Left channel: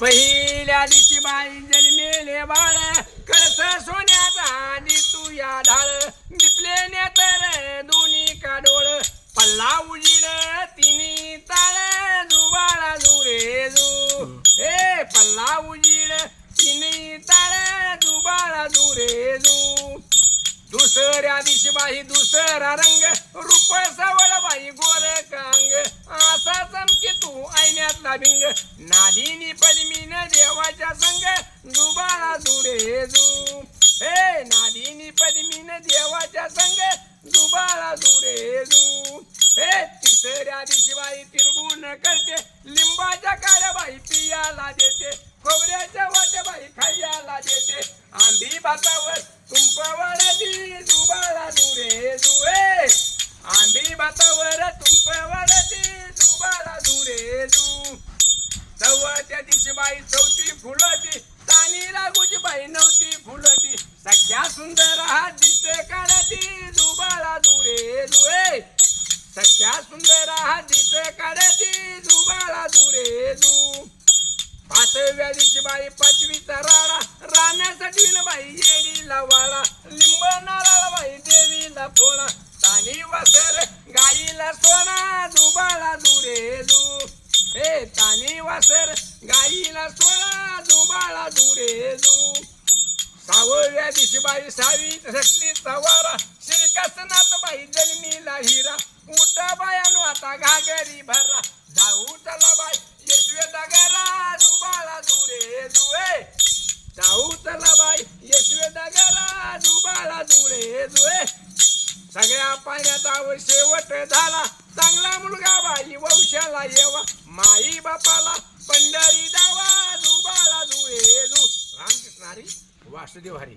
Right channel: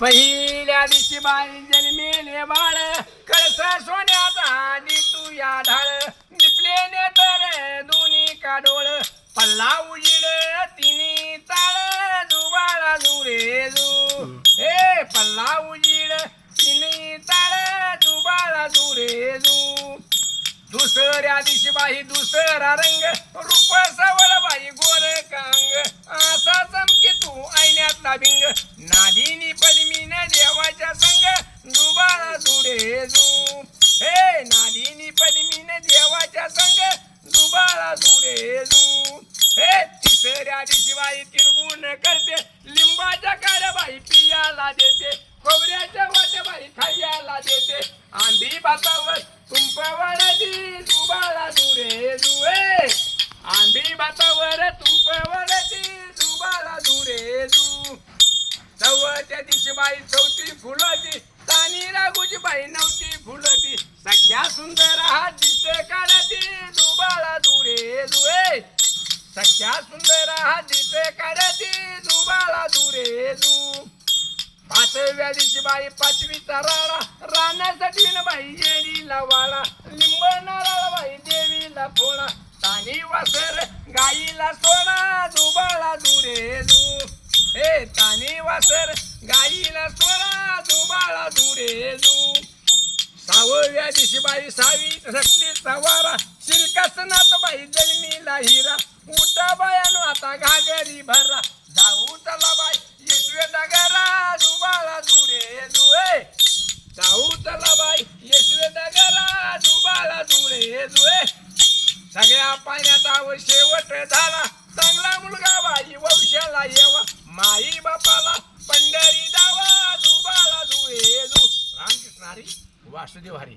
पहिल्या दिवशी बाई जन्मेले बाळ कळस सोन्याचा आणि तू या ढाळ दिपलेने तर दोन्ही काडोळ पल्ला उजीड तिन्ही ताळ जुबाळा जुरे जू हे पल्ला उजीड तिन्ही ताळ जुबाळा जुरे जू दुसऱ्या दिवशी बाई दुसरा रंग रूप सवळ बाई गोर कांग असा चमके तू ऐण्यातला भिंग नादिनी पद्मीन देवाच्या संग जुबाळा जुरे जू हे नादिनी पद्मीन देवाच्या संग जुबाळा जुरे जू हे तिसऱ्या दिवशी बाई तिरगुण करते लिंबाच्या काड्या बाई पियाला देते खोबऱ्याच्या वाट्या बाई खायला देते आंबी भातावर तुंपवडती जुबाळा जुरे जुए आंबी भातावर तुंपवडती जुबाळा जुरे जू चौथ्या दिवशी बाई चौथी फुलती तानी रागूची बाई नव्हती फुलती सख्या सुंदर हा दिसते काढती जुबाळा जुरे जुए सख्या सुंदर हा दिसते काढती जुबाळा जुरे जू पाचव्या दिवशी बाई पाचवीचा राडा राहण्यासाठी बाई गेलीला वाळा लिंब नारळ बाई देवीला फोडा तानी वासर गाईला सोडा जुबाळा जुरे जू हे तानी वासर गाईला सोडा जुबाळा जुरे जू सहाव्या दिवशी बाई सावी शक्तीचा वारा श्रीकासनाथ बाई जन्मीला हिरा उठा बायानो आता घागरी भरा जाऊ चला बाई येशवे डगरा जुबाळा जुरे जुए जाऊ चला बाई येशवे डगरा जुबाळा जुरे जुए सगळ्या पाण्याचा शेवट झाला चांगला मुलगा बाई वंशाला येवा माई बापाला पंढरी जावा जुबाळा जुळे जू रामकृष्ण हरी वासुदेव हरी.